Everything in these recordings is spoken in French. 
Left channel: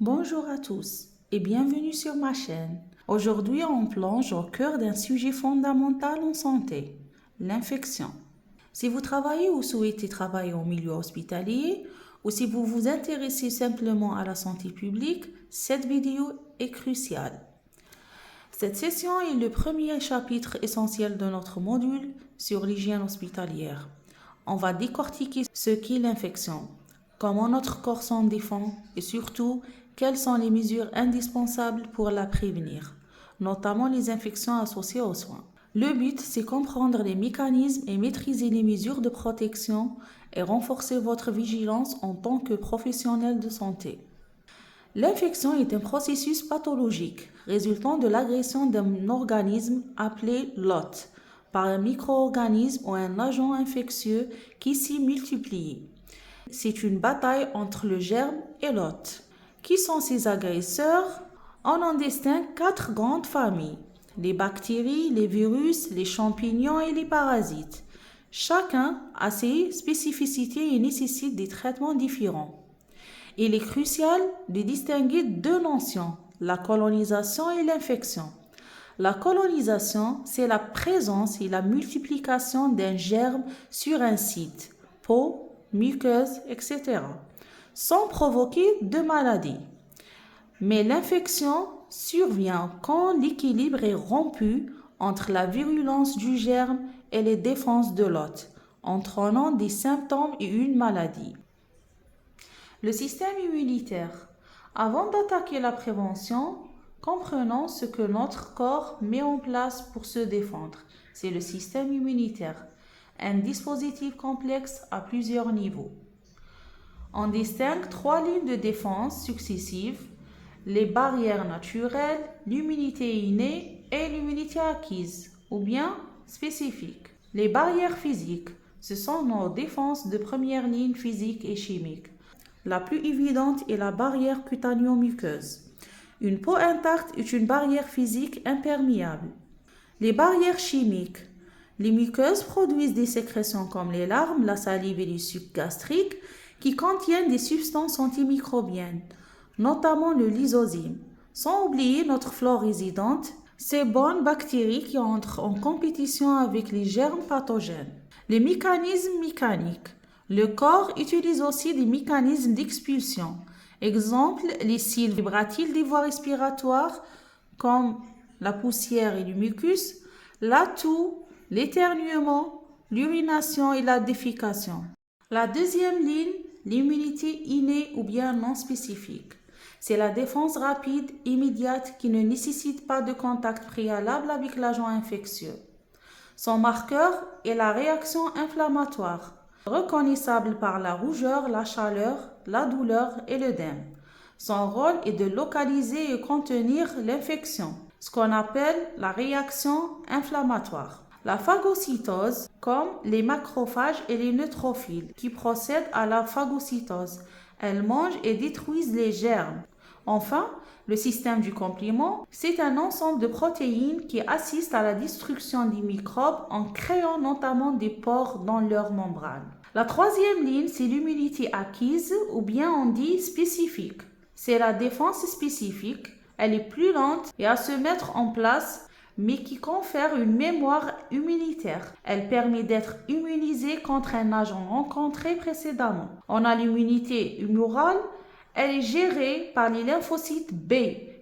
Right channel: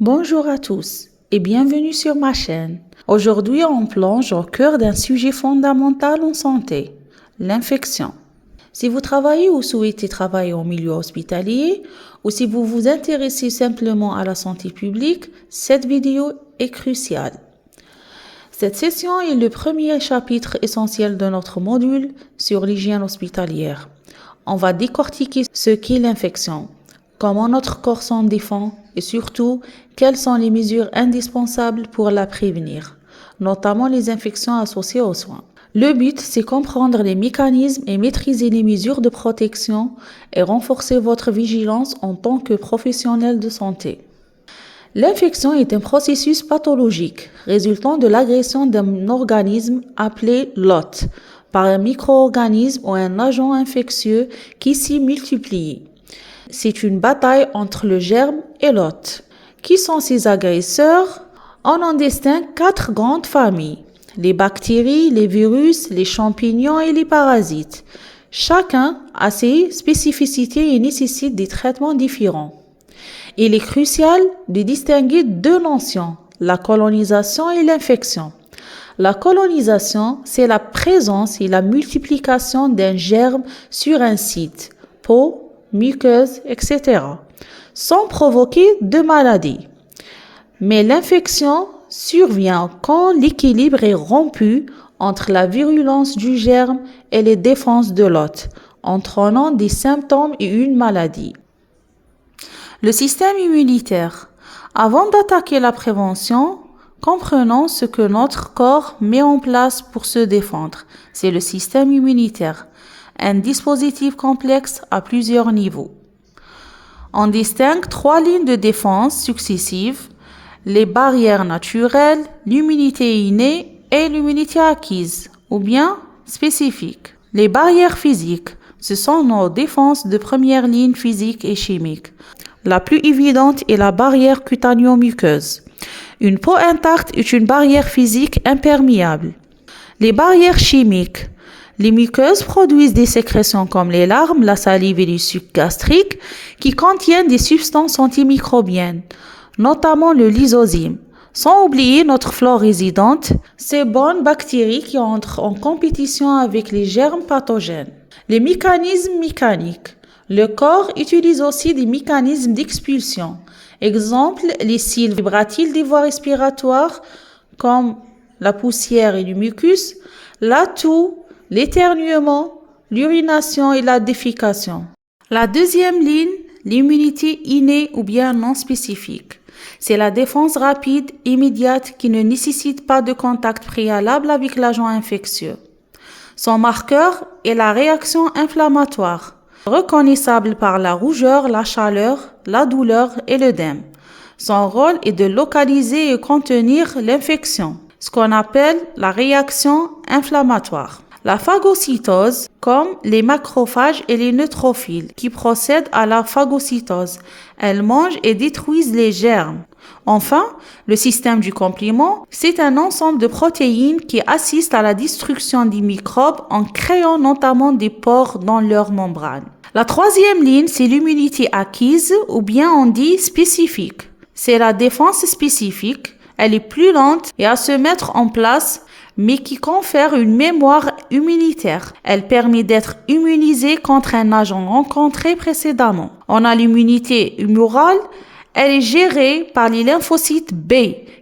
Bonjour à tous et bienvenue sur ma chaîne. Aujourd'hui, on plonge au cœur d'un sujet fondamental en santé, l'infection. Si vous travaillez ou souhaitez travailler au milieu hospitalier ou si vous vous intéressez simplement à la santé publique, cette vidéo est cruciale. Cette session est le premier chapitre essentiel de notre module sur l'hygiène hospitalière. On va décortiquer ce qu'est l'infection, comment notre corps s'en défend et surtout, quelles sont les mesures indispensables pour la prévenir, notamment les infections associées aux soins. Le but, c'est comprendre les mécanismes et maîtriser les mesures de protection et renforcer votre vigilance en tant que professionnel de santé. L'infection est un processus pathologique résultant de l'agression d'un organisme appelé l'hôte par un micro-organisme ou un agent infectieux qui s'y multiplie. C'est une bataille entre le germe et l'hôte. Qui sont ces agresseurs? On en distingue 4 grandes familles: les bactéries, les virus, les champignons et les parasites. Chacun a ses spécificités et nécessite des traitements différents. Il est crucial de distinguer 2 notions, la colonisation et l'infection. La colonisation, c'est la présence et la multiplication d'un germe sur un site, peau, muqueuse, etc., sans provoquer de maladie. Mais l'infection survient quand l'équilibre est rompu entre la virulence du germe et les défenses de l'hôte, entraînant des symptômes et une maladie. Le système immunitaire. Avant d'attaquer la prévention, comprenons ce que notre corps met en place pour se défendre. C'est le système immunitaire, un dispositif complexe à plusieurs niveaux. On distingue 3 lignes de défense successives: les barrières naturelles, l'immunité innée et l'immunité acquise, ou bien spécifique. Les barrières physiques, ce sont nos défenses de première ligne physique et chimique. La plus évidente est la barrière cutanéo-muqueuse. Une peau intacte est une barrière physique imperméable. Les barrières chimiques. Les muqueuses produisent des sécrétions comme les larmes, la salive et les sucs gastriques qui contiennent des substances antimicrobiennes, notamment le lysozyme. Sans oublier notre flore résidente, ces bonnes bactéries qui entrent en compétition avec les germes pathogènes. Les mécanismes mécaniques. Le corps utilise aussi des mécanismes d'expulsion. Exemple, les cils vibratiles des voies respiratoires comme la poussière et le mucus, la toux, l'éternuement, l'urination et la défécation. La deuxième ligne, l'immunité innée ou bien non spécifique. C'est la défense rapide, immédiate, qui ne nécessite pas de contact préalable avec l'agent infectieux. Son marqueur est la réaction inflammatoire, reconnaissable par la rougeur, la chaleur, la douleur et l'œdème. Son rôle est de localiser et contenir l'infection, ce qu'on appelle la réaction inflammatoire. La phagocytose, comme les macrophages et les neutrophiles qui procèdent à la phagocytose. Elles mangent et détruisent les germes. Enfin, le système du complément, c'est un ensemble de protéines qui assistent à la destruction des microbes en créant notamment des pores dans leurs membranes. La troisième ligne, c'est l'immunité acquise ou bien on dit spécifique. C'est la défense spécifique. Elle est plus lente et à se mettre en place, mais qui confère une mémoire immunitaire. Elle permet d'être immunisé contre un agent rencontré précédemment. On a l'immunité humorale. Elle est gérée par les lymphocytes B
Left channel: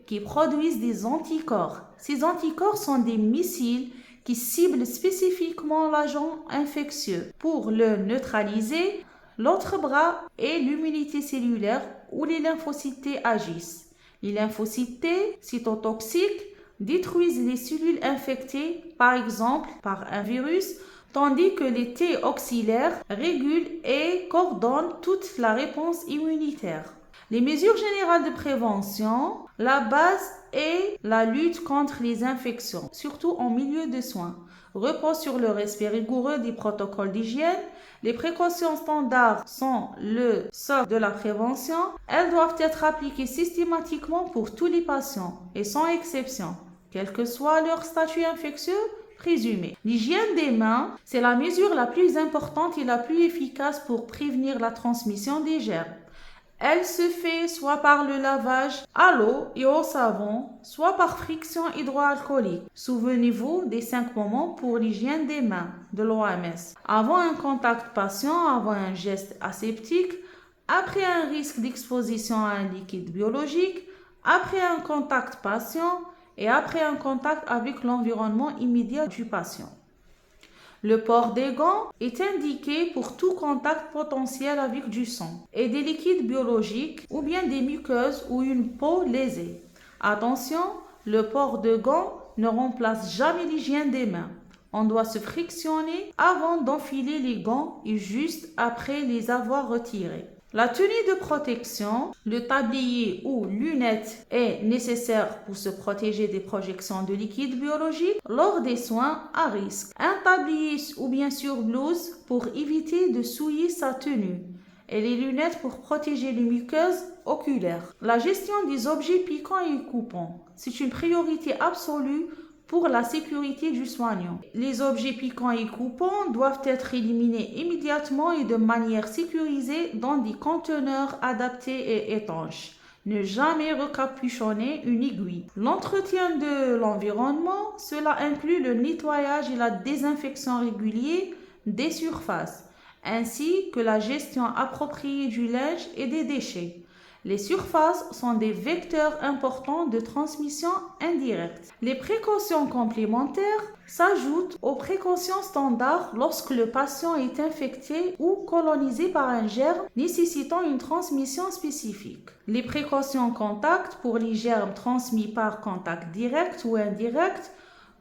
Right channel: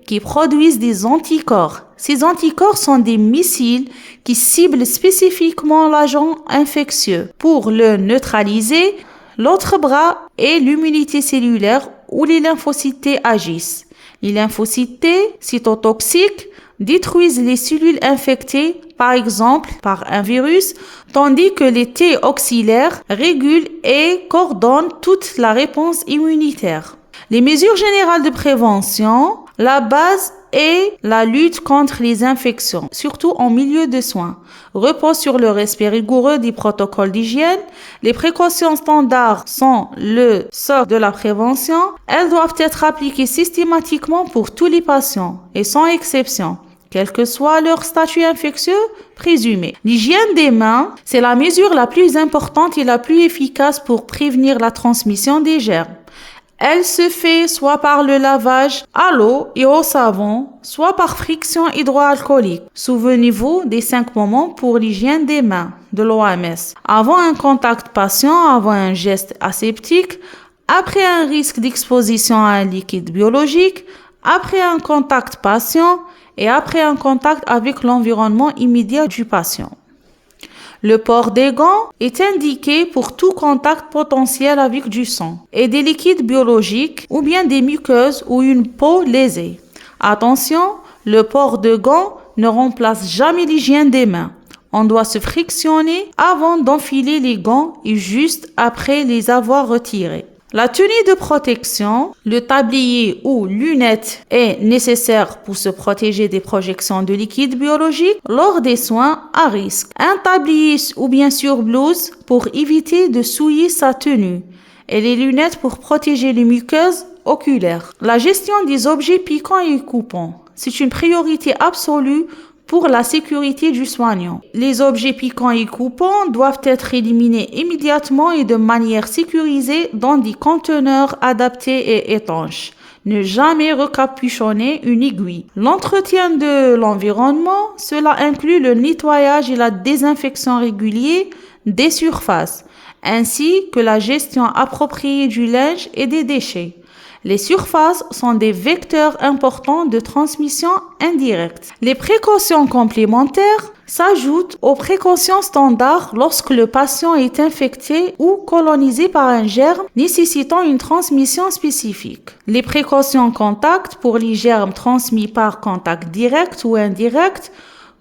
qui produisent des anticorps. Ces anticorps sont des missiles qui ciblent spécifiquement l'agent infectieux. Pour le neutraliser, l'autre bras est l'immunité cellulaire où les lymphocytes T agissent. Les lymphocytes T, cytotoxiques, détruisent les cellules infectées, par exemple par un virus, tandis que les T auxiliaires régulent et coordonnent toute la réponse immunitaire. Les mesures générales de prévention, la base est la lutte contre les infections, surtout en milieu de soins, repose sur le respect rigoureux des protocoles d'hygiène. Les précautions standards sont le socle de la prévention. Elles doivent être appliquées systématiquement pour tous les patients et sans exception, quel que soit leur statut infectieux présumé. L'hygiène des mains, c'est la mesure la plus importante et la plus efficace pour prévenir la transmission des germes. Elle se fait soit par le lavage à l'eau et au savon, soit par friction hydroalcoolique. Souvenez-vous des 5 moments pour l'hygiène des mains de l'OMS. Avant un contact patient, avant un geste aseptique, après un risque d'exposition à un liquide biologique, après un contact patient et après un contact avec l'environnement immédiat du patient. Le port des gants est indiqué pour tout contact potentiel avec du sang et des liquides biologiques ou bien des muqueuses ou une peau lésée. Attention, le port de gants ne remplace jamais l'hygiène des mains. On doit se frictionner avant d'enfiler les gants et juste après les avoir retirés. La tenue de protection, le tablier ou lunettes est nécessaire pour se protéger des projections de liquide biologique lors des soins à risque. Un tablier ou bien surblouse pour éviter de souiller sa tenue et les lunettes pour protéger les muqueuses oculaires. La gestion des objets piquants et coupants, c'est une priorité absolue pour la sécurité du soignant. Les objets piquants et coupants doivent être éliminés immédiatement et de manière sécurisée dans des conteneurs adaptés et étanches. Ne jamais recapuchonner une aiguille. L'entretien de l'environnement, cela inclut le nettoyage et la désinfection régulière des surfaces, ainsi que la gestion appropriée du linge et des déchets. Les surfaces sont des vecteurs importants de transmission indirecte. Les précautions complémentaires s'ajoutent aux précautions standards lorsque le patient est infecté ou colonisé par un germe nécessitant une transmission spécifique. Les précautions contact pour les germes transmis par contact direct ou indirect,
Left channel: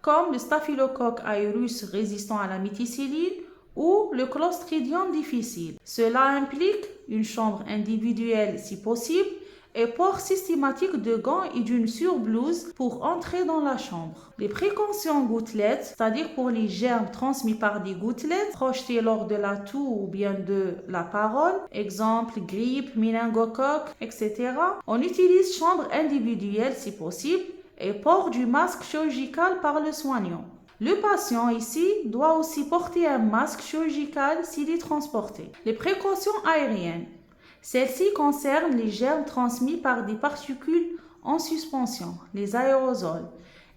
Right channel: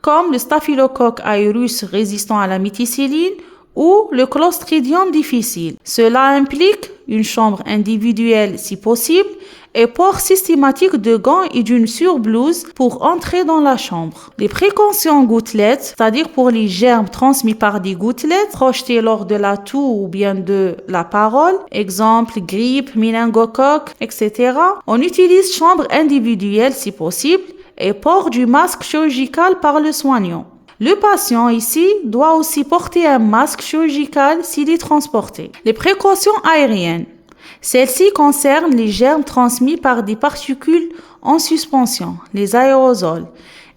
comme le staphylocoque aureus résistant à la méticilline ou le Clostridium difficile. Cela implique une chambre individuelle si possible et port systématique de gants et d'une surblouse pour entrer dans la chambre. Les précautions gouttelettes, c'est-à-dire pour les germes transmis par des gouttelettes projetées lors de la toux ou bien de la parole, exemple grippe, méningocoque, etc. On utilise chambre individuelle si possible et port du masque chirurgical par le soignant. Le patient ici doit aussi porter un masque chirurgical s'il est transporté. Les précautions aériennes. Celles-ci concernent les germes transmis par des particules en suspension, les aérosols.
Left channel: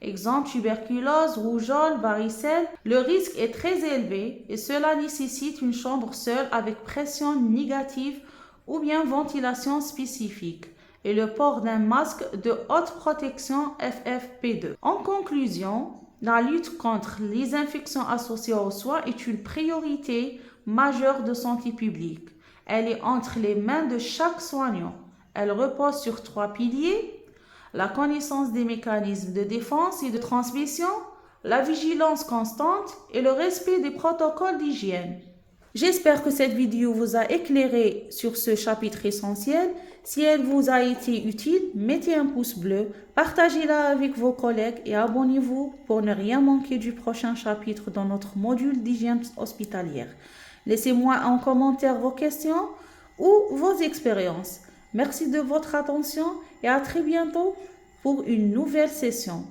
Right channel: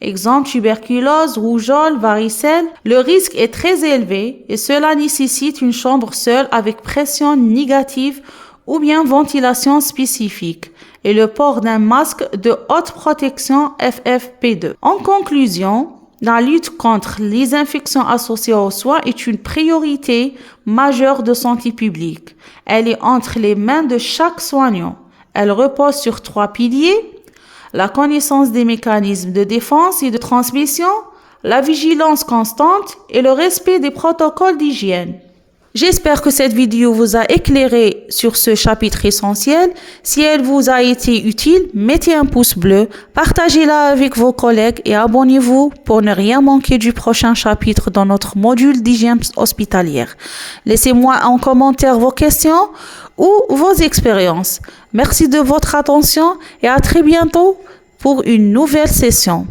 Exemple tuberculose, rougeole, varicelle. Le risque est très élevé et cela nécessite une chambre seule avec pression négative ou bien ventilation spécifique et le port d'un masque de haute protection FFP2. En conclusion, la lutte contre les infections associées aux soins est une priorité majeure de santé publique. Elle est entre les mains de chaque soignant. Elle repose sur 3 piliers: la connaissance des mécanismes de défense et de transmission, la vigilance constante et le respect des protocoles d'hygiène. J'espère que cette vidéo vous a éclairé sur ce chapitre essentiel. Si elle vous a été utile, mettez un pouce bleu, partagez-la avec vos collègues et abonnez-vous pour ne rien manquer du prochain chapitre dans notre module d'hygiène hospitalière. Laissez-moi en commentaire vos questions ou vos expériences. Merci de votre attention et à très bientôt pour une nouvelle session.